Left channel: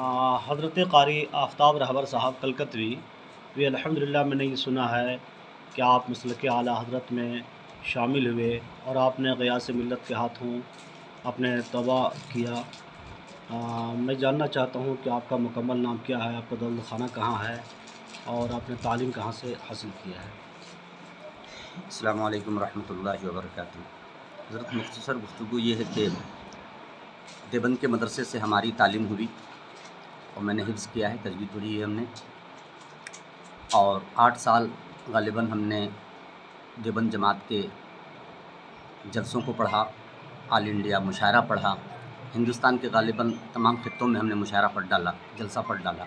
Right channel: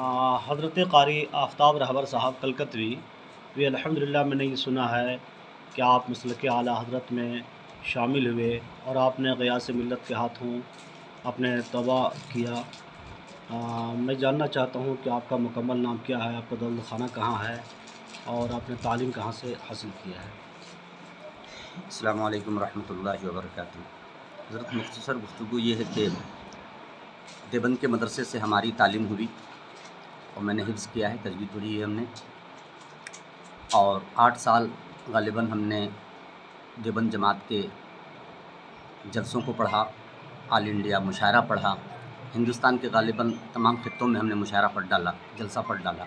حضرت قاری آفتاب رہبر صاحب کلکتوی بھی الحمدللہ میں نے یہ سنا ہے کہ آپ مسلک اعلیٰ حضرت میں شامل ہوئے اور آپ نے غیاث ملت کے ہاتھوں اپنے توبہ کیا۔ میں جاننا چاہتا ہوں کہ آپ کا مکمل نام کیا ہے، آپ کا دولت خانہ کہاں ہے اور آپ نے تعلیم کہاں سے حاصل کیا ہے؟ السلام علیکم ورحمۃ اللہ وبرکاتہ۔ حضرت مختصر گفتگو یہ ہے کہ دیوبند کے مدرسے سے ہماری تعلیم ہوئی اور میں نے حفظ کیا ہے، تجوید پڑھی ہے ہم نے، اور 8 سال غالباً ہم نے دیوبند جماعت کے جلسوں کو پڑھا، آل انڈیا مشاعرہ پڑھا، ہندوستان کے غالباً تمام خطوں میں ہم نے مشاعرہ پڑھ ڈالا، جلسہ پڑھ ڈالا۔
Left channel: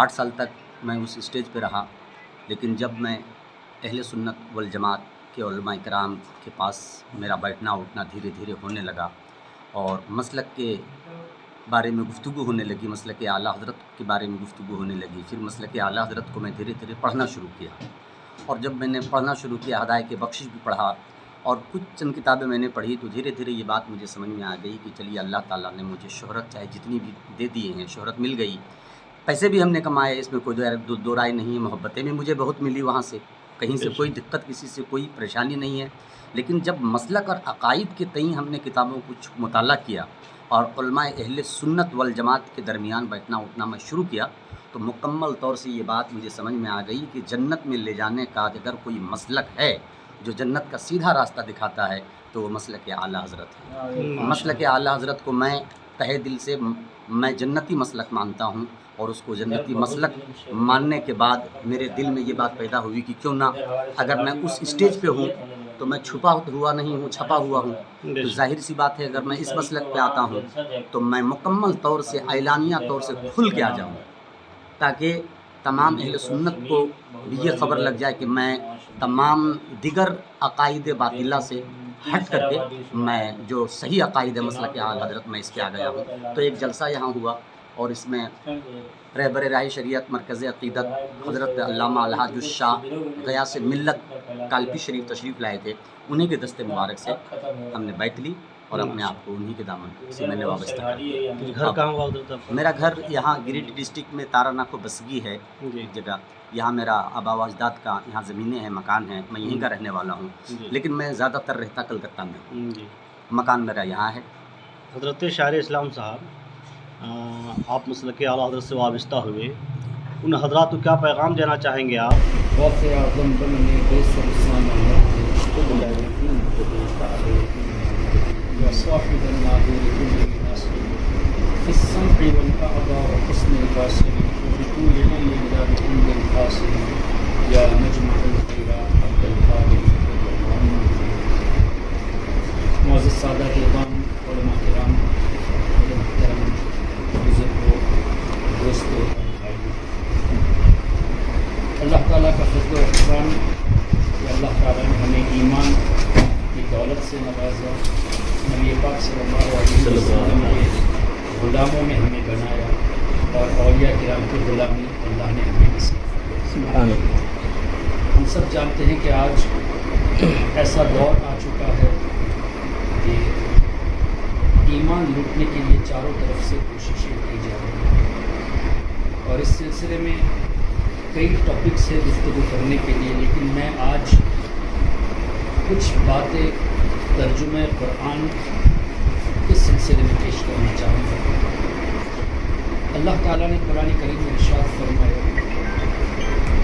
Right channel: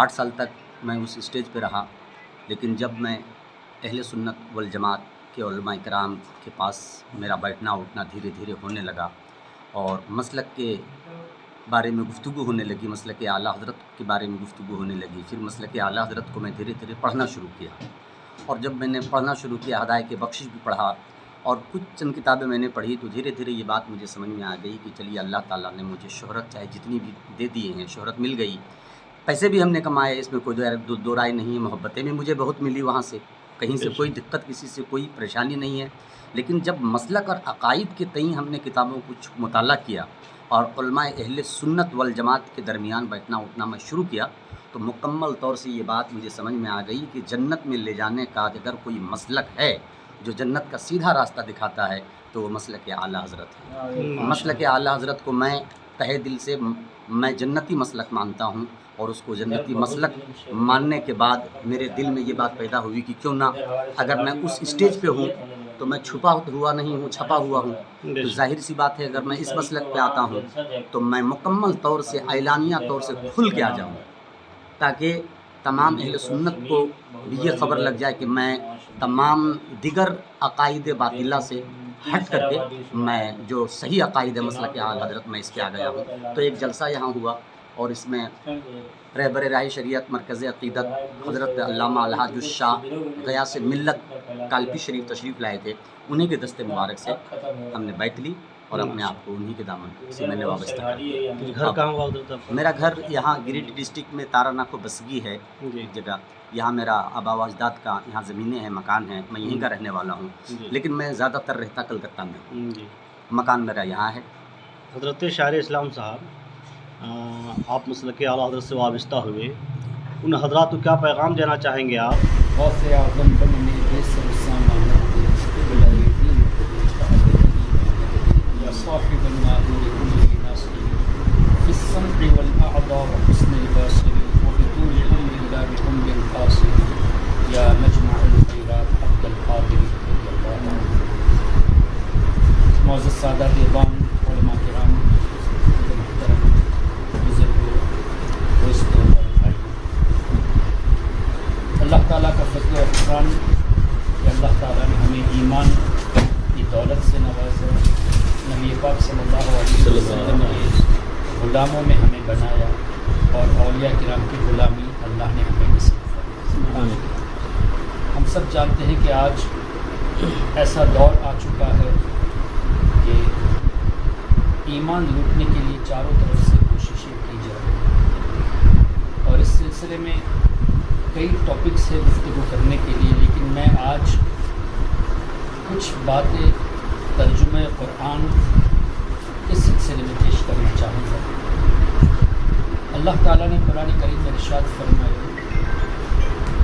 8 سال تک میں اس اسٹیج پہ رہا، لیکن جب میں اہل سنت والجماعت کے علماء کرام کے پاس میرا بیٹھنا اٹھنا دھیرے دھیرے ہونے لگا اور مسلک کے بارے میں گفتگو ہونے لگی، مسلک اعلیٰ حضرت کے بارے میں گفتگو ہونے لگی، پھر مسلک اعلیٰ حضرت کو میں دھیرے دھیرے پڑھنا شروع کیا، اور جب میں نے پڑھنا شروع کیا ہدایت بخشش بھی پڑھا اور کچھ چند کتابیں میں نے پڑھی، تو دھیرے دھیرے یہ بات مجھے سمجھ میں آ گئی کہ چلیے اللہ تعالیٰ نے مجھے شہرت چاہے جتنی بھی دے دیے ہیں، شہرت مل گئی، پیسے بھی ہم نے کمائے، اس میں کوئی دو رائے نہیں ہے، محبتیں بھی مجھے بہت ملی وہاں سے، کہیں سے کوئی دقت، کسی سے کوئی پریشانی نہیں ہے۔ لیکن جب مسلک اور عقائد کے تئیں ہم نے کتابوں کو مطالعہ کیا اور علماء اہل سنت والجماعت کے درمیان بیٹھنا اٹھنا میں شروع کیا، تو مکمل طور سے یہ بات مجھے سمجھ میں آ گئی کہ جنت میں لے جانے کا اگر کوئی مسلک ہے جو جنت کا سیدھا راستہ دکھاتا ہے تو وہ مسلک اعلیٰ حضرت ہے۔ مسلک اعلیٰ حضرت کو میں تہہ دل سے میں جنتی مسلک مانتا ہوں، اور اس کو جنتی مسلک ماننے کے بعد میرے دل میں یہ بات پیدا ہوئی کہ کیوں نہ اگر میں اس اسٹیج پہ ہوں تو میں چھپا ہوا نہیں ہوں، چھپا ہوا ہوں، تو ظاہر سی بات ہے اگر میں اس مسلک پہ آتا ہوں تو میں مکمل طور سے اعلانیہ طور سے کھل کے آ جاؤں، تاکہ تمام اہل سنت کو بھی یہ خبر لگ جائے کہ میں تمام دیگر عقائد باطلہ سے ہٹ کر کے میں جو صحیح عقائد مسلک اعلیٰ حضرت میں اس پہ آ گیا ہوں۔ تو ایک جلسہ یہاں ہوا اور اس میں رہبر راہ شریعت مرکز عقیدت حضرت علامہ الحاج الشاہ غیاث ملت کالپی شریف تشریف لائے تھے، انہی کے دست مبارک سے ہم نے بیعت لی اور اپنے آپ کو انہی کے دامن سے میں نے وابستہ کیا۔ گھر کہاں ہوا حضرت آپ؟ میرا گھر یہاں گریڈ ڈسٹرکٹ میں تارا ناکو بسگی ہے جگہ، یہاں میرا آبا و اجداد کا یہاں زمینیں ہیں، مکان ہیں، میں یہیں کا رہنے والا ہوں، لیکن میں زیادہ تر رہتا کلکتہ میں ہوں، مکان میرا یہاں ہے۔ حضرت شاعر اسلام صاحب، آپ مسلک اعلیٰ حضرت سے وابستہ ہوئے، ان حضرات کو کیا پیغام دینا چاہیں گے آپ؟ غوث اعظم بننے بے سلسانہ مرد قبلہ یقین یا صاحب النادر کل ناصر فی السمع والاعضاء وحسن الباصر وبطول عمر لا بعمر قاصر یا مجمع الخیرات عبد القادر۔ معزز سادہ اعظام، علماء کرام، محترم بزرگوں، دوستوں اور بھائیوں، اللہ تعالیٰ کا فضل و احسان کہ اللہ تعالیٰ نے ہمیں ایمان کی دولت سے نوازا، نبی پاک صلی اللہ علیہ وسلم کے غلاموں میں ہمیں بنایا اور اولیاء کرام کی غلامی اللہ نے ہمیں نصیب فرمائی۔ ہم سب جانتے ہیں کہ آج ایسا دور آ چکا ہے کہ ایمان لوٹنے کے لیے چاروں طرف سے کوششیں کی جا رہی ہیں، اور اس سلسلے میں کئی ٹاپکس ہے گفتگو کرنے کے لیے، لیکن میں آج کچھ باتیں ترجمہ قرآن اس سلسلے میں پیش کرنا چاہوں گا۔ اللہ تعالیٰ نے قرآن کریم میں ارشاد فرمایا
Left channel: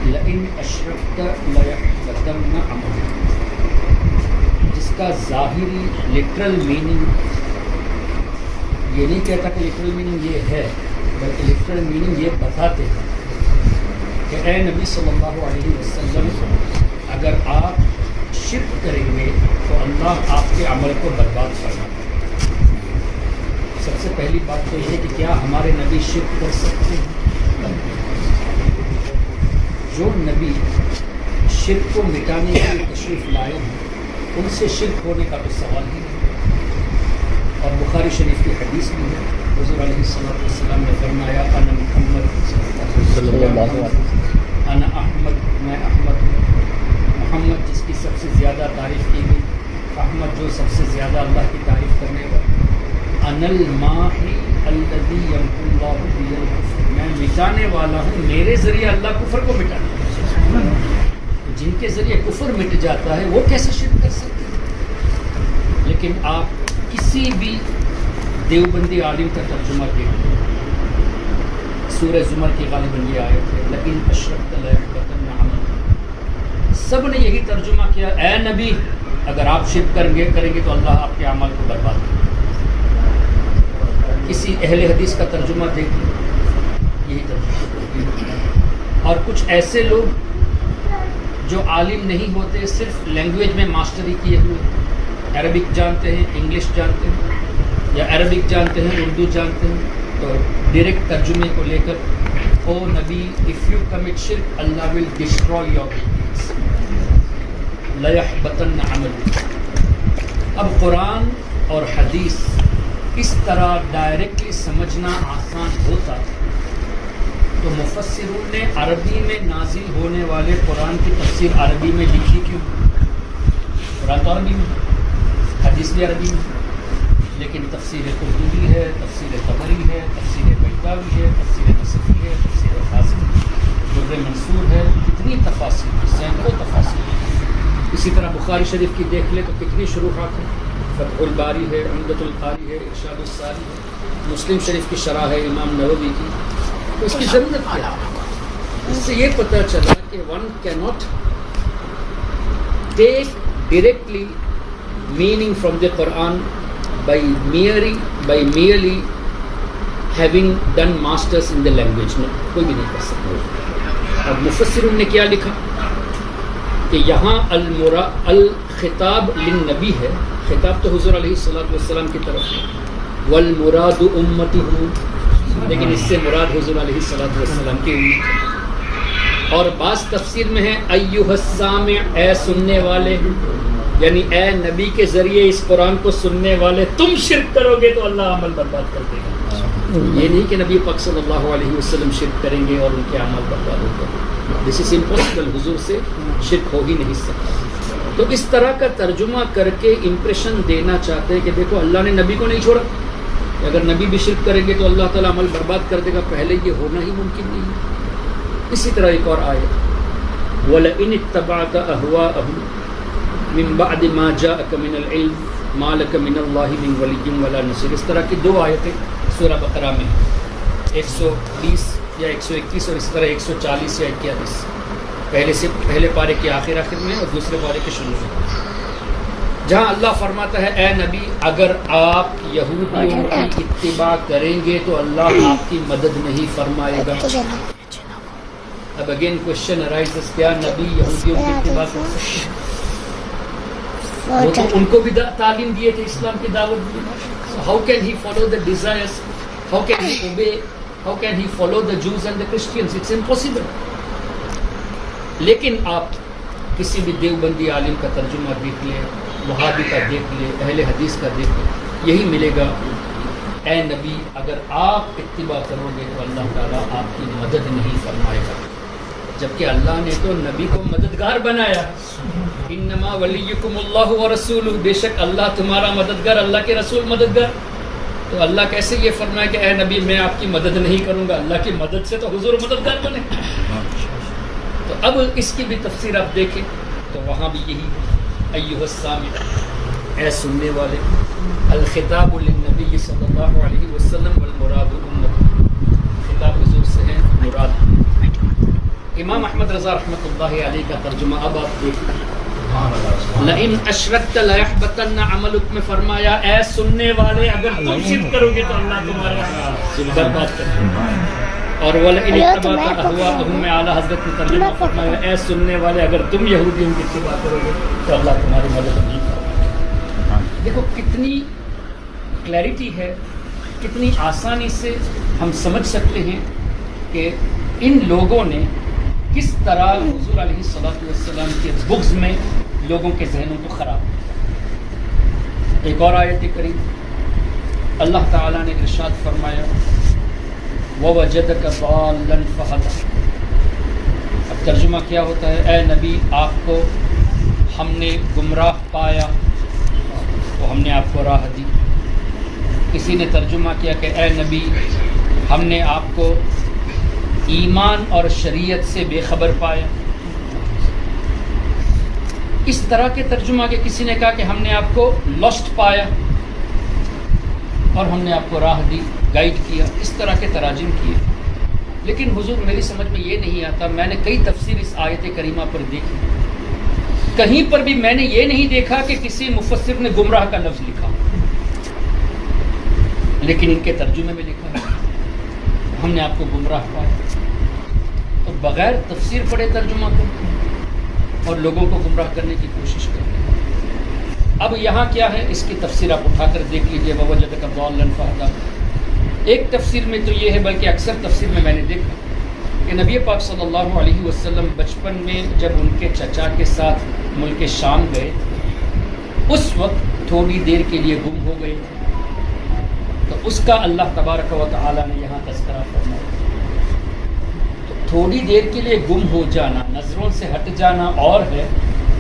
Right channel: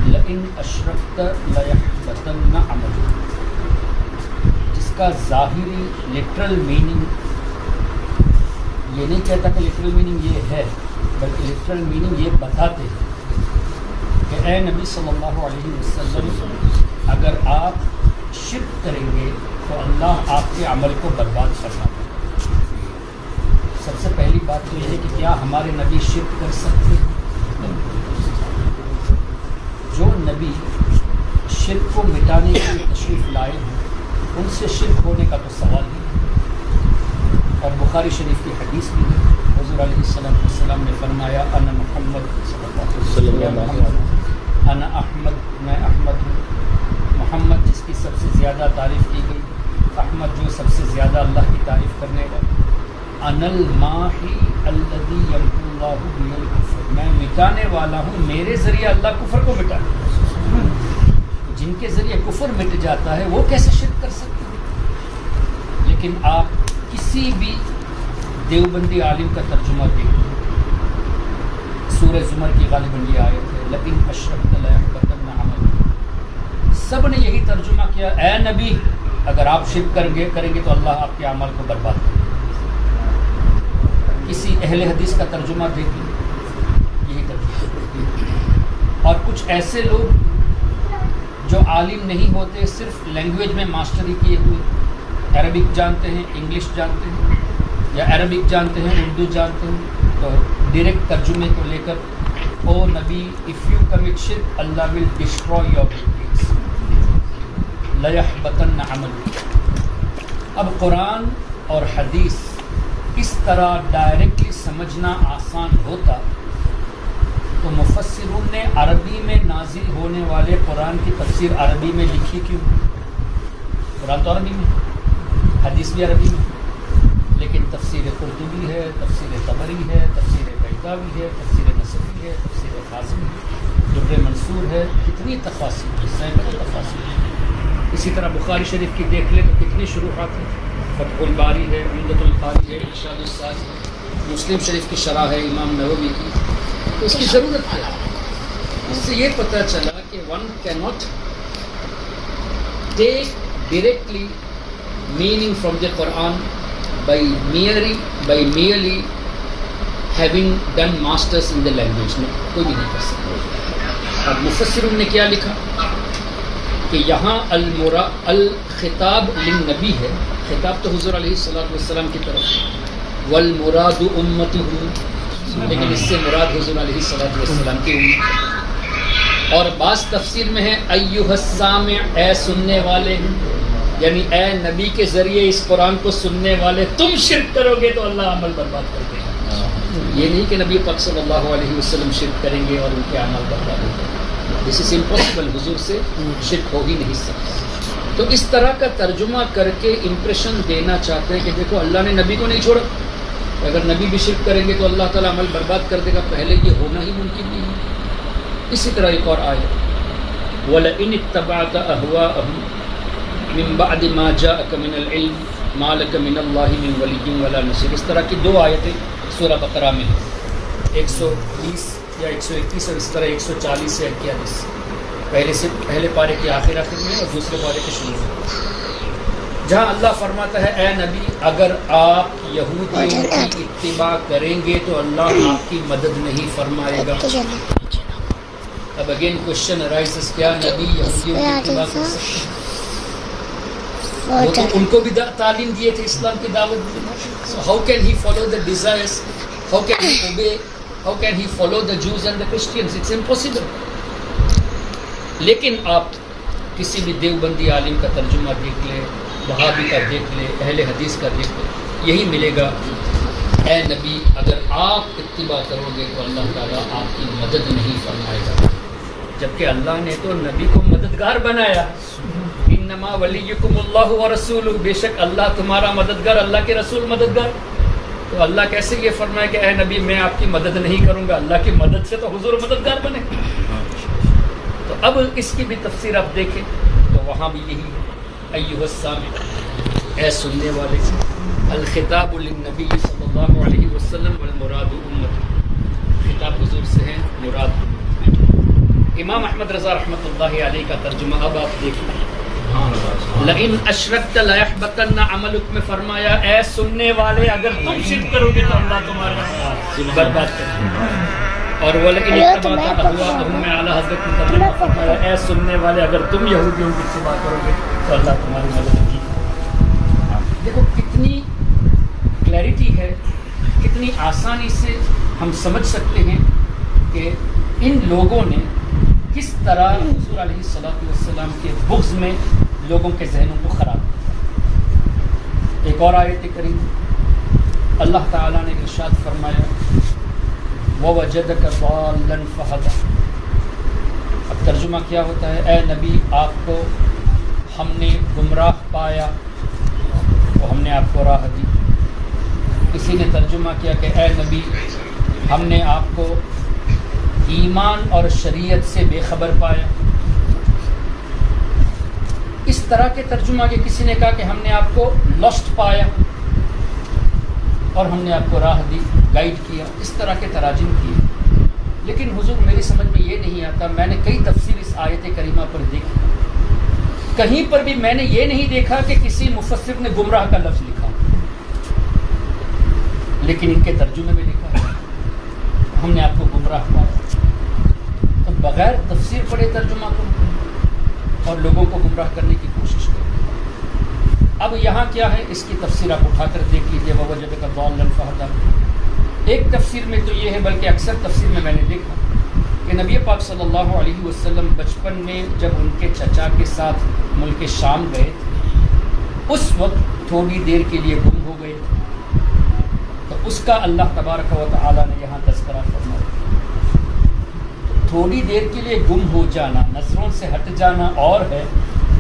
لئن اشرکت لیحبطن عملک، جس کا ظاہری لٹرل میننگ یہ نہیں کہتا کہ لٹرل میننگ یہ ہے، بلکہ لٹرل میننگ یہ بتاتے ہیں کہ اے نبی صلی اللہ علیہ وسلم، اگر آپ شرک کریں گے تو اللہ آپ کے عمل کو برباد فرما دے۔ سب سے پہلی بات تو یہ ہے کہ کیا ہمارے نبی شرک کر سکتے ہیں؟ جو نبی شرک کو مٹانے کے لیے تشریف لائے ہیں ان سے شرک ہونے کا تو سوال ہی نہیں۔ اور بخاری شریف کی حدیث میں ہے، حضور علیہ السلام نے فرمایا انا محمد صلی اللہ علیہ وسلم، انا احمد، میں احمد ہوں۔ محمد جس کی سب سے زیادہ تعریف کی گئی، احمد جو سب سے زیادہ اللہ کی تعریف کرنے والا۔ انا الماحی الذی یمحو اللہ بی الکفر، میں مٹانے والا ہوں، میرے ذریعے اللہ کفر کو مٹاتا ہے۔ جن کے ذریعے کفر مٹ جاتا ہے وہ کیسے شرک کر سکتے ہیں؟ لیکن آپ کسی بھی دیوبندی عالم کا ترجمہ دیکھیں، سورہ زمر کی غالباً یہ آیت ہے لیکن اشرکت لیحبطن عملک، سب نے یہی ترجمہ کیا، اے نبی اگر آپ شرک کریں گے تو اللہ آپ کے عمل کو برباد کرے گا۔ کسی اہل حدیث کا ترجمہ دیکھ لیں، یہی ترجمہ۔ اور کچھ ایسے لوگ جو عالم نہیں ہوتے، صرف لینگویج میں ماسٹری کیے ہوئے، عربک جانتے ہیں، انگلش جانتے ہیں، یا عربک جانتے ہیں، اردو جانتے ہیں، تو ڈائریکٹ ترجمے کو لے کر او نبی اف یو کمٹ شرک اللہ ول ڈسٹروائے یور ڈیڈز لیحبطن عملک۔ اب قرآن اور حدیث اس طرح ڈائریکٹلی سمجھنا آسان ہوتا تو مفسرون نے عربی میں نازل ہونے والے قرآن کی تفسیر عربی میں لکھی کیوں؟ قرآن تو عربی میں، حدیث بھی عربی میں، لیکن تفسیر قرطبی ہے، تفسیر طبری ہے، تفسیر بیضاوی ہے، تفسیر نصفی ہے، تفسیر قاسم ہے، در منصور ہے، کتنی تفاسیر ہیں، سینکڑوں تفاسیر ہیں۔ اسی طرح بخاری شریف کی دیکھ لیں تو کتنی شروحات ہیں، فتح الباری ہے، عمدۃ القاری ہے، ارشاد الساری ہے، مسلم شریف کی شرح ہے امام نووی کی۔ تو اس کی ضرورت کیا ہے؟ اس سے یہ پتہ چلا کہ ون کی not take directly meaning from the Quran by merely having done masters in the language. No, کوئی بھی نہیں کر سکتا۔ اب مفسرون نے کیا لکھا کہ یہاں الخطاب للنبی ہے، خطاب تو حضور علیہ الصلوۃ والسلام کی طرف ہے، والمراد امتہ، لیکن اس سے مراد حضور علیہ الصلوۃ والسلام کی امت۔ اور بعض تفسیر میں ہے ایھا السامع، اے سننے والے، یعنی اے نبی کے ذریعے اس قرآن کو سننے والے تم شرک کرو گے تو اللہ عمل برباد کر دے گا۔ یہ نہیں کہ نبی پاک صلی اللہ علیہ وسلم شرک کریں گے اور ان کے عمل برباد ہوگا، دس از امپاسبل، حضور سے شرک ہو ہی نہیں سکتا۔ تو اس طرح کا ترجمہ کر کے امپریشن دینا چاہتے ہیں کہ دیکھو اللہ نے نبی کو نہیں چھوڑا، اگر نبی بھی شرک کریں گے تو اللہ تعالیٰ عمل برباد کر دے گا، پہلے یہ ہونا ہی ممکن نہیں ہے۔ اسی طرح ایک اور آیت، وَلَئِنِ اتَّبَعْتَ أَهْوَاءَهُمْ من بعد ما جاءك من العلم ما لك من الله من ولي ولا نصير۔ اس طرح کی دو آیتیں سورہ بقرہ میں، 120 یا 121 اور اس طرح 140 یا 41، پہلے پارے کے آخر میں اور دوسرے پارے کے شروع میں، جہاں اللہ فرماتا ہے اے نبی اگر آپ یہودیوں کی اتباع کریں گے تو اللہ آپ کی مدد نہیں فرمائے گا۔ اب اگین کوشچن ارائزز، کیا نبی یہودیوں کی اتباع کر سکتے ہیں؟ وہ تو ان کو بھی تعلیم دیے تھے، اسلام کی دعوت دی۔ So how can he follow the desires? How can he obey? How can he follow the Jews and the Christians? It's impossible. لیکن آپ کسی بھی دیوبندی عالم کا ترجمہ دیکھ لیں، وہابی کا دیکھ لیں، اہل حدیث کا دیکھ لیں، یہی ملے گا، اے نبی اگر آپ اتباع کرو گے تو اللہ تعالیٰ آپ کی مدد نہیں فرمائے گا، جبکہ اللہ نے تو نبی کو مددگار بنایا، انما ولیکم اللہ ورسولہ، بے شک اللہ تمہارا مددگار، اللہ کے رسول مددگار۔ تو اللہ کیسے یہ فرمائے کہ اے نبی میں آپ کی مدد نہیں کروں گا، اللہ کی مدد سے تو حضور مددگار بنے۔ تو اب اس کی بھی تفسیر آپ دیکھیں تو وہاں بھی یہی ہے، ایھا السامع، اے سننے والے، الخطاب للنبی صلی اللہ علیہ وسلم والمراد امتہ، خطاب حضور سے ہے، مراد امام احمد رضا رحمۃ اللہ علیہ کا ترجمہ اب آپ دیکھ لیں، لئن اشرکت لیحبطن عملک میں فرمایا اے سننے والے اگر تم شرک کرو گے تو اللہ تمہارا برباد کر دے گا، اور ولئن اتبعت اهواءهم میں اعلیٰ حضرت نے ترجمہ فرمایا اے سننے والے اگر تم یہودیوں کی اتباع کرو گے تو اللہ تمہاری مدد نہیں کرے گا۔ دیکھو کتنی کلیئرٹی ہے، کتنی آسانی سے ہم سمجھ سکتے ہیں کہ ان لوگوں نے کس طرح حضور علیہ الصلوۃ والسلام کے بغض میں لوگوں کے ذہنوں کو خراب کیا۔ ایک اور آیت کریم اللہ تعالیٰ نے ارشاد فرمایا وَوَجَدَكَ ضَالًّا فَهَدَىٰ۔ اب ترجمہ کیا ہوتا ہے، اے نبی آپ کو ہم نے گمراہ پایا تو ہم نے آپ کو راہ دی۔ کسی نے ترجمہ کیا کہ اے نبی ہم نے آپ کو ایمان اور شریعت سے بے خبر پایا. اس طرح کے ترجمہ کے کسی نے کہا کہ ہم نے آپ کو لاسٹ پایا اور ہم نے آپ کو راہ دی، گائیڈ کیا. اس طرح کے تراجم کیے. لیکن حضور میری سمجھ میں یہ نہیں آتا. میں نے کئی تفسیر اس آیت کریمہ پر دیکھی، کہیں پر بھی میں نے یہ نہیں دیکھا کہ کسی مفسر نے گمراہ کا لفظ لکھا، لیکن ان کے ترجمے میں لکھا ہے ہم نے آپ کو گمراہ پایا. تو بغیر تفسیر پڑھے ترجمہ کرتے ہیں اور لوگوں کو گمراہ کرنے کی کوشش کرتے ہیں. اب یہاں کیا ہے اس کی تفسیر آپ اٹھا کر دیکھ لیجئے. وَوَجَدَكَ ضَالًّا فَهَدَىٰ. ایک تفسیر میں تو یہ ہے، بلکہ اکثر تفسیر میں نے دیکھا کہ نبی پاک صلی اللہ علیہ وسلم بچپن میں جب ان کے چچا کے ساتھ ملک شام گئے اس وقت تھوڑی دیر کے لیے گم ہو گئے تھے. تو اس کا اللہ تبارک و تعالی نے یہاں تذکرہ فرمایا. تو تھوڑی دیر کے لیے گم ہو جانا، نظروں سے ہٹ جانا اور ہے،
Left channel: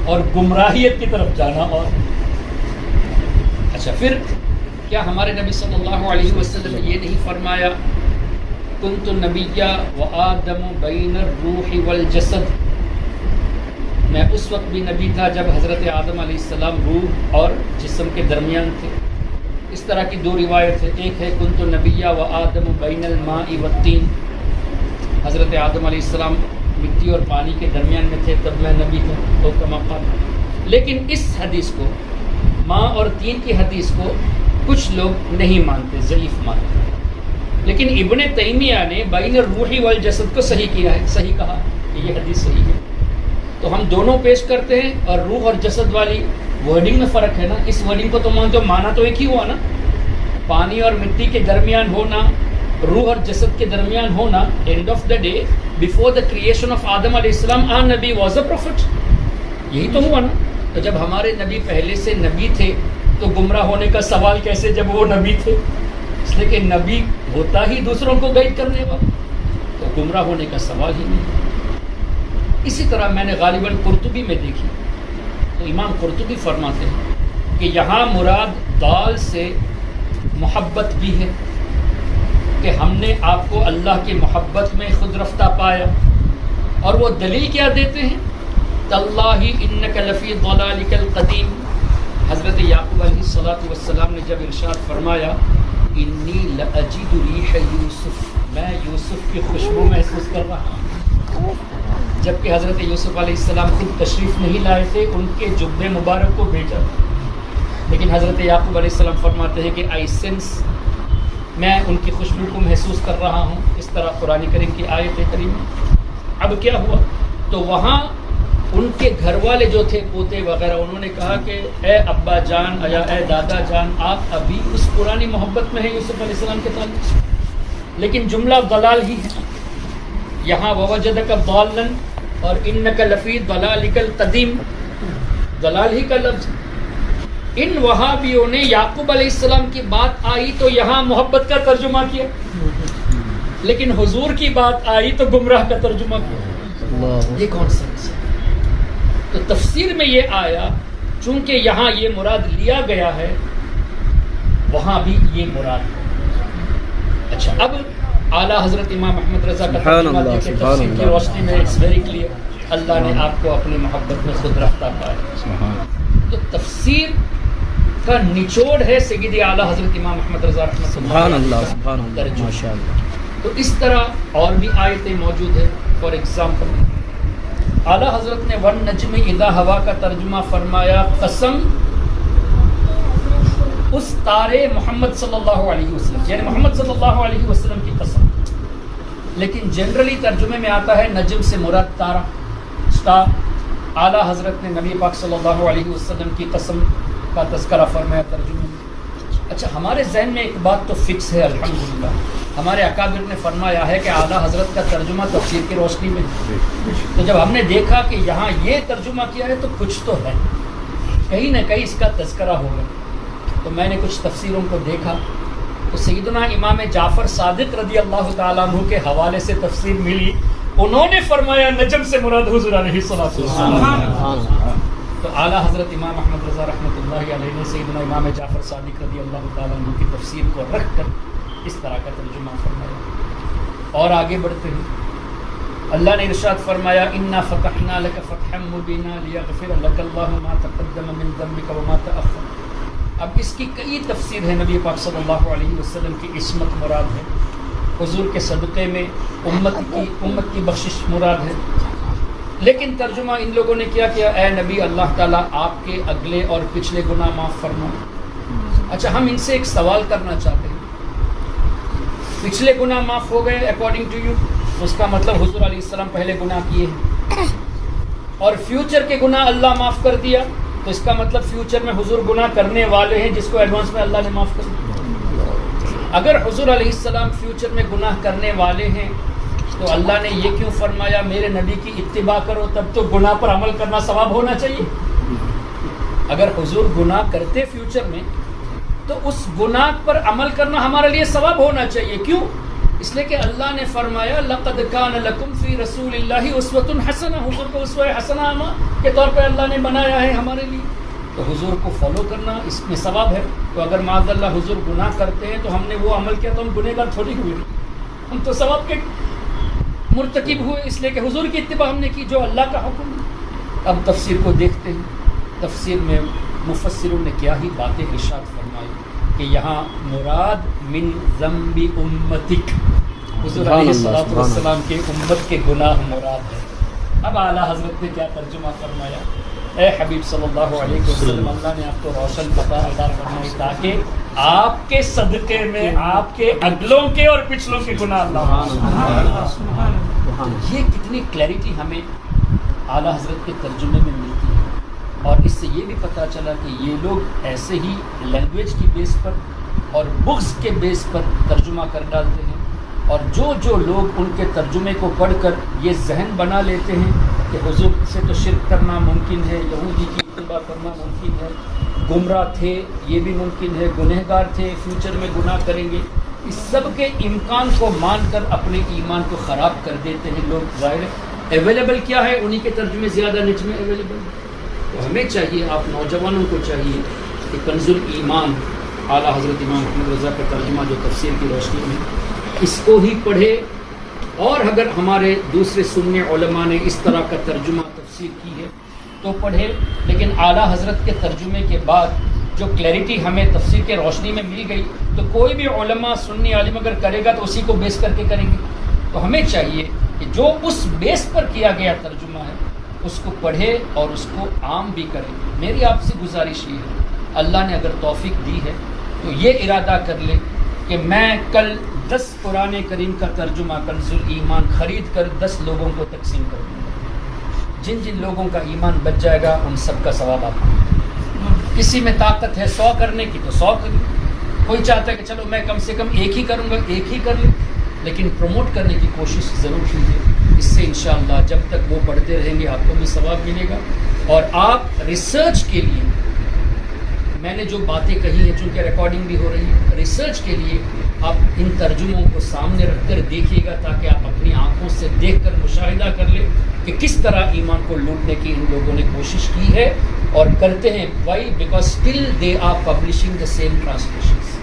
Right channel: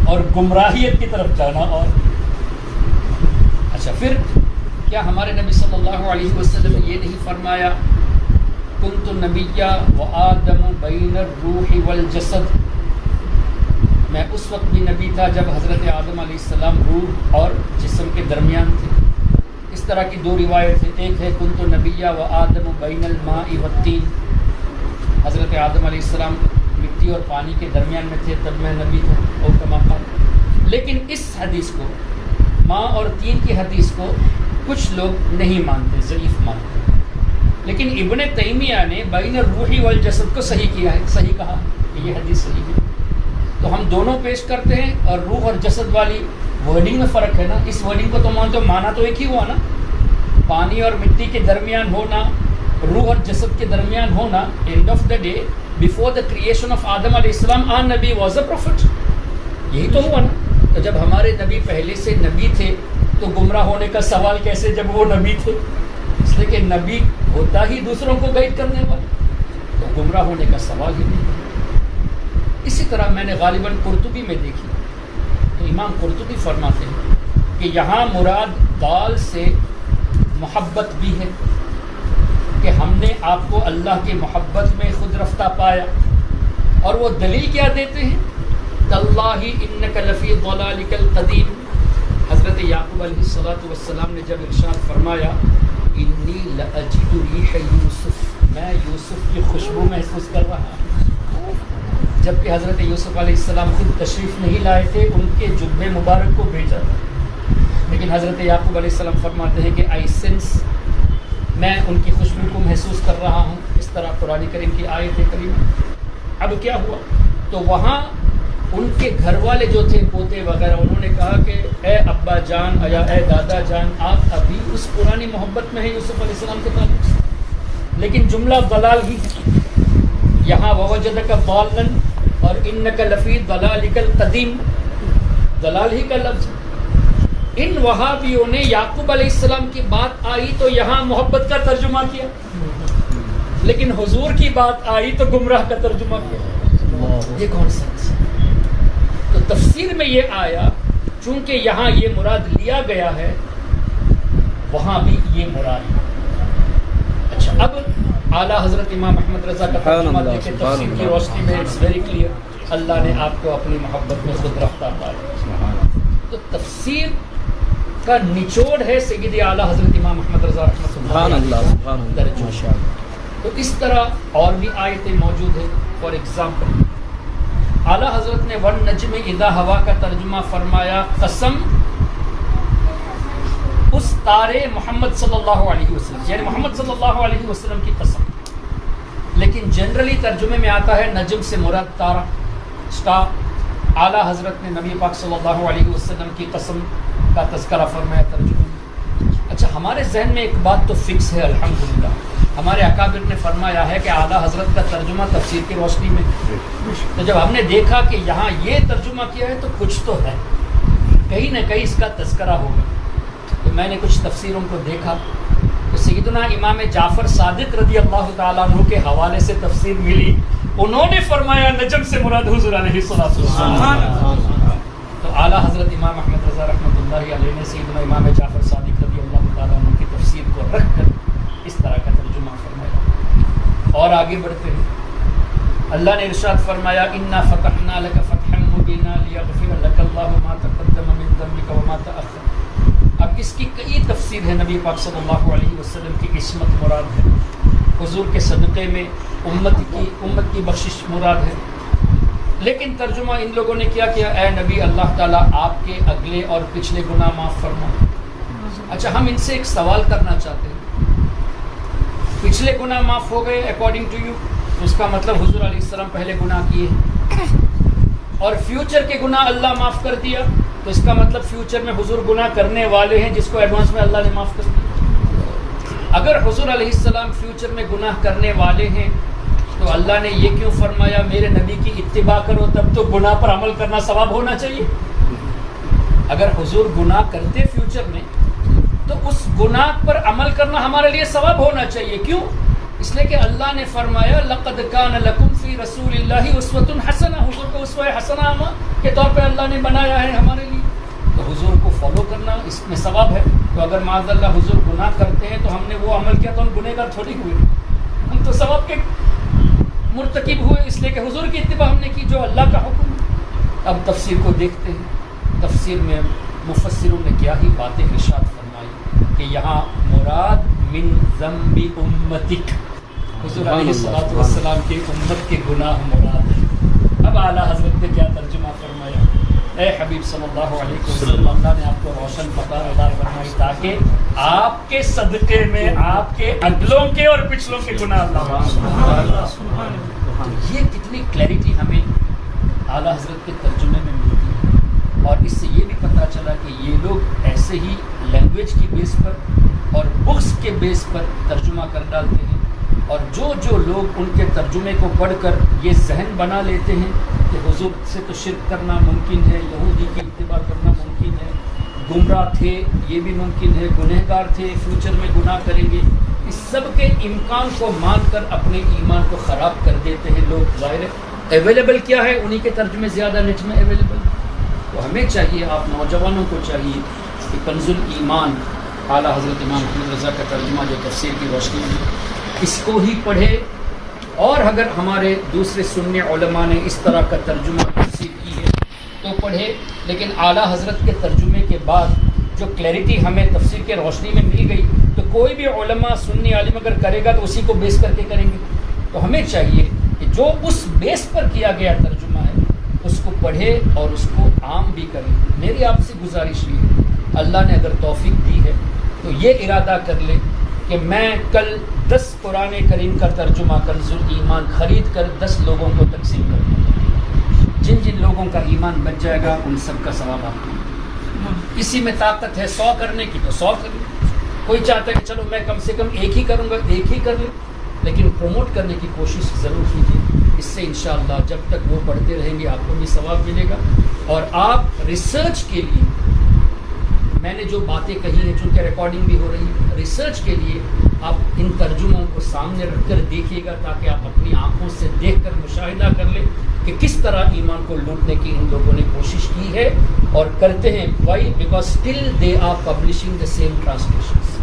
اور گمراہیت کی طرف جانا اور. اچھا پھر کیا ہمارے نبی صلی اللہ علیہ وسلم نے یہ نہیں فرمایا کنت نبیا وآدم بین الروح والجسد؟ میں اس وقت بھی نبی تھا جب حضرت آدم علیہ السلام روح اور جسم کے درمیان تھے. اس طرح کی دو روایت ہے. ایک ہے کنت نبیا وآدم بین الماء والطین، حضرت آدم علیہ السلام مٹی اور پانی کے درمیان میں تھے تب میں نبی تھا، او کما قال. لیکن اس حدیث کو، ماء اور تین کی حدیث کو کچھ لوگ نہیں مانتے، ضعیف مانتے. لیکن ابن تیمیہ نے بین الروح والجسد کو صحیح کیا ہے، صحیح کہا کہ یہ حدیث صحیح ہے. تو ہم دونوں پیش کرتے ہیں، اور روح اور جسد والی ورڈنگ میں فرق ہے نا. اس ورڈنگ کو تو مانتے ہو، مانا تو ایک ہی ہوا نا. پانی اور مٹی کے درمیان ہونا، روح اور جسد کے درمیان ہونا. And of the day before the creation of آدم علیہ السلام آ نبی واز اے پروفٹ. یہی تو ہوا نا. تو جب ہمارے نبی پہلے سے نبی تھے تو گمراہ ہونے کا سوال کیسے جب وہ نبی تھے؟ اس لیے کہ نبی ہوتا ہی دوسروں کو گائیڈ کرنے والا، تو گمراہ ہونے کا سوال ہی نہیں. اسی طرح میں نے غالباً قرطبی میں دیکھی تو امام قرطبی فرماتے ہیں کہ یہاں مراد دال سے محبت بھی ہے، کہ ہم نے آپ کو اللہ کی محبت میں خود رفتہ پایا. اور وہ دلیل کیا دیتے ہیں؟ تاللہ انک لفی ضلالک القدیم. حضرت یعقوب علیہ السلام نے جب ارشاد فرمایا انی لاجد ریح یوسف، میں یوسف کی خوشبو محسوس کر رہا ہوں. جبکہ حضرت یوسف علیہ السلام خود تشریف نہیں لائے تھے، ان کے جبے مبارک کو بھیجا تھا. لیکن حضرت یعقوب علیہ السلام فرماتے ہیں کہ آئی سینس، میں ان کی خوشبو کو محسوس کر رہا ہوں. اس طرح قرآن کریم کی آیت کریمہ. اب کیا ہوا؟ تو وہاں ان کے گھر والے جو تھے، پوتے وغیرہ، انہوں نے کہا کہ اے ابا جان یا اے دادا جان، آپ ابھی اس پرانی محبت میں ہیں یوسف علیہ السلام کے تعلق سے. لیکن جملہ ضلال ہی ہے. یہاں ووجدک ضالا اور انک لفی ضلالک القدیم، ضلال ہی کا لفظ. ان وہابیوں نے یعقوب علیہ السلام کی بات آئی تو یہاں محبت کا ترجمہ کیا، لیکن حضور کی بات آئی تو گمراہ کا ترجمہ کیا. یہ کون سا؟ تو تفسیر میں یہ آیا چونکہ یہاں یہ مراد لیا گیا ہے، وہاں بھی یہ مراد ہے. اچھا اب اعلیٰ حضرت امام احمد رضا کا ترجمہ دیکھیں تفسیر کی روشنی میں. اٹس ویری کلیئر، اللہ نے آپ کو اپنی محبت میں خود رفتہ پایا. تو تفسیر کا نچوڑ ہے سیدی اعلیٰ حضرت امام احمد رضا رحمۃ اللہ ترجمہ. تو اس طرح اور بھی آیتیں موجود ہیں. فار ایگزامپل اعلیٰ حضرت نے ون نجم اذا ہوا کا ترجمہ فرمایا قسم اس تارے محمد صلی اللہ علیہ وسلم، یعنی محمد صلی اللہ علیہ وسلم کی قسم. لیکن جنرلی ترجمے میں آتا ہے نجم سے مراد تارا، اسٹار. اعلیٰ حضرت نے نبی پاک صلی اللہ علیہ وسلم کی قسم کا تذکرہ فرمایا ترجمے میں. اچھا ہمارے ذہن میں ایک بات تو فکس ہے الحمدللہ، ہمارے اکابر نے فرمایا ہے کہ اعلیٰ حضرت کا ترجمہ تفسیر کی روشنی میں. تو جب ہم نے دیکھا کہ یہاں یہ ترجمہ کیا ہے تو کچھ تو ہے، کہیں نہ کہیں اس کا تذکرہ ہوگا. تو میں نے کچھ تفسیروں کو دیکھا تو سیدنا امام جعفر صادق رضی اللہ تعالیٰ عنہ کے حوالے سے تفسیر ملی. انہوں نے فرمایا نجم سے مراد حضور علیہ السلام. تو اعلیٰ حضرت امام احمد رضا رحمۃ اللہ علیہ نے سیدنا امام جعفر صادق رضی اللہ تعالیٰ عنہ کی تفسیر کو رکھ کر اس طرح کا ترجمہ فرمایا. اور آگے بڑھتے ہیں. اللہ نے ارشاد فرمایا انا فتحنا لک فتحا مبینا لیغفر لک اللہ ما تقدم من ذنبک وما تأخر. اب اس کی کئی تفسیر ہے. نبی پاک صلی اللہ علیہ وسلم کی عصمت مراد ہے, حضور کے صدقے میں امت کی بخشش مراد ہے. لیکن ترجمہ ان لوگوں نے کیا کیا, اے نبی اللہ تعالیٰ آپ کے اگلے اور پچھلے گناہ معاف فرما. اچھا, ہم ان سے ایک سوال کرنا چاہتے ہیں. پچھلے گناہ معاف ہو گئے اکارڈنگ ٹو یو, اس کا مطلب حضور علیہ السلام پہلے گناہ کیے ہیں. اور فیوچر کے گناہ اللہ معاف کر دیا, تو اس کا مطلب فیوچر میں حضور گناہ کرنے والے ہیں جس کو ایڈوانس میں اللہ نے معاف کر دیا. اگر حضور علیہ السلام فیوچر میں گناہ کرنے والے ہیں تو اللہ نے یہ کیوں فرمایا میرے نبی کی اتباع کرو, تب تو گناہ پر عمل کرنا ثواب ہونا چاہیے. اگر حضور گناہ کرتے فیوچر میں تو اس گناہ پر عمل کرنا ہمارے لیے ثواب ہونا چاہیے. کیوں؟ اس لیے کہ اللہ نے فرمایا لقد کان لکم فی رسول اللہ اسوۃ حسنہ, حضور کو اسوہ حسنہ کے طور پہ اللہ نے بنایا ہے ہمارے لیے. تو حضور کو فالو کرنا اس میں ثواب ہے. تو اگر معاذ اللہ حضور گناہ کرتے ہیں تو ہم نے وہ عمل کیا تو ہم گنہگار تھوڑی ہوئے, ہم تو ثواب کے مرتکب ہوئے, اس لیے کہ حضور کی اتباع ہم نے کی جو اللہ کا حکم ہے. اب تفسیر کو دیکھتے ہیں. تفسیر میں مفسروں نے کیا ہی باتیں ارشاد فرمائی کہ یہاں مراد من ذنب امتک, حضور علیہ السلام کے امت کے گناہ مراد ہیں. اب اعلیٰ حضرت نے کیا ترجمہ فرمایا, اے حبیب صلی اللہ علیہ وسلم اللہ نے آپ کو روشن پتہ عطا فرمائی تاکہ آپ کے صدقے میں آپ کے اگلوں کے اور پچھلوں کے گناہ اللہ معاف. یہ کتنی کلیئرٹی ہمیں اعلیٰ حضرت کے ترجمے میں ملتی ہے. اور اس سے یہ بھی پتہ چلا کہ یہ لوگ ایسے ہی لینگویج کی بیس پر اور بکس کے بیس پر ترجمہ کر ڈالتے ہیں. اور جو لوگ ان کے ترجمے کو پڑھ کر یہ ذہن بنا لیتے ہیں کہ حضور سے تو شرک کرنا ممکن ہے, یہودی کی اتباع کرنا ممکن ہے, گمراہ تھے یہ بھی ممکن ہے, گنہگار تھے فیوچر میں گناہ کریں گے, اس سب کے امکان کو مان کر اپنے ایمان کو خراب کر دیتے ہیں لوگ. ظاہر ہے اویلیبل کیا ہے, انہی کے ترجمے زیادہ نیٹ میں اویلیبل. تو ہمیں چاہیے, آپ نوجوانوں کو چاہیے کہ کنز الایمان اعلیٰ حضرت امام محمد رضا کا ترجمہ جو تفسیر کی روشنی میں اس کو ہی پڑھے. اور اگر ہمارے دوسرے سنی علماء نے اس طرح کا ترجمہ تفسیر کی ہے تو پڑھے, لیکن اعلیٰ حضرت کے ترجمے کے بعد جو کلیئرٹی ہمیں تفسیر کے روشنی میں مل گئی تو کوئی بھی علماء سنی عالم اگر کرے گا تو اسی کو بیس کر کے کریں گے. تو ہمیں چاہیے کہ جو اس بیس پر کیا گیا ترجمہ ہے اس کو پڑھے اور اس کو عام بھی کریں. میری آپ سے گزارش یہ ہے, اللہ نے اگر توفیق دی ہے تو یہ ارادہ کر لے کہ میں کل 10 قرآن کریم کا ترجمہ کنز الایمان خرید کر 10 لوگوں کو تقسیم کر دوں. جن لوگوں کا ایمان بچ جائے گا ان سب کا ثواب آپ کو. کسی میں طاقت ہے 100 کرنے کی تو 100 کر لیں, کوئی چاہتا ہے کہ چلو میں کم سے کم ایک ہی کروں گا, ایک ہی کر لیں, لیکن پروموٹ کرنے کی کوشش ضرور کیجیے. اس سے انشاءاللہ جب تک وہ پڑھتے رہیں گے آپ کو بھی ثواب ملے گا. اور آپ ریسرچ کے لیے میں نے جو باتیں کہی ہیں چونکہ ریکارڈنگ بھی ہو رہی ہے, ریسرچ کے لیے آپ ان ترجموں کو سامنے رکھ کر دیکھیے گا تاکہ آپ اپنی آنکھوں سے دیکھ کر مشاہدہ کر لیں کہ کس طرح ایمان کو لوٹنے کی ان لوگوں نے کوشش کی ہے اور کرتے ہیں. Why because still they are publishing the same translations.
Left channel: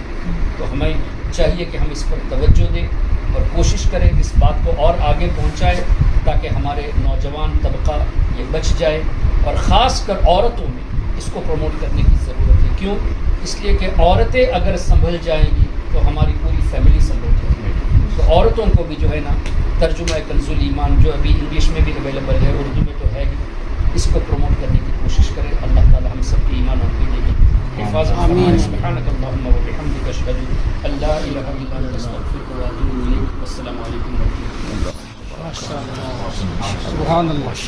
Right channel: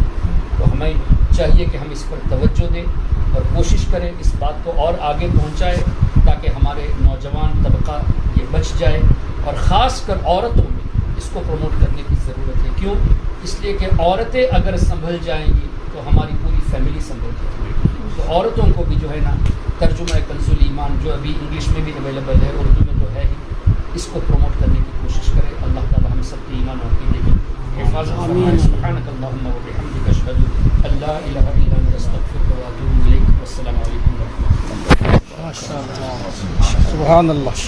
تو ہمیں چاہیے کہ ہم اس پر توجہ دیں اور کوشش کریں اس بات کو اور آگے پہنچائے تاکہ ہمارے نوجوان طبقہ یہ بچ جائے. اور خاص کر عورتوں میں اس کو پروموٹ کرنے کی ضرورت ہے. کیوں؟ اس لیے کہ عورتیں اگر سنبھل جائیں گی تو ہماری پوری فیملی سنبھل جائے گی. تو عورتوں کو بھی جو ہے نا ترجمہ کنز الایمان جو ابھی انگلش میں بھی اویلیبل ہے, اردو میں تو ہے ہی, اس کو پروموٹ کرنے کی کوشش کرے. اللہ تعالی ہم سب کے ایمان اور عقیدے کی حفاظت فرمائے. سبحانک اللہم و بحمدک اشہد ان لا الہ الا انت استغفرک و اتوب الیک. والسلام علیکم و رحمۃ اللہ. سبحان اللہ.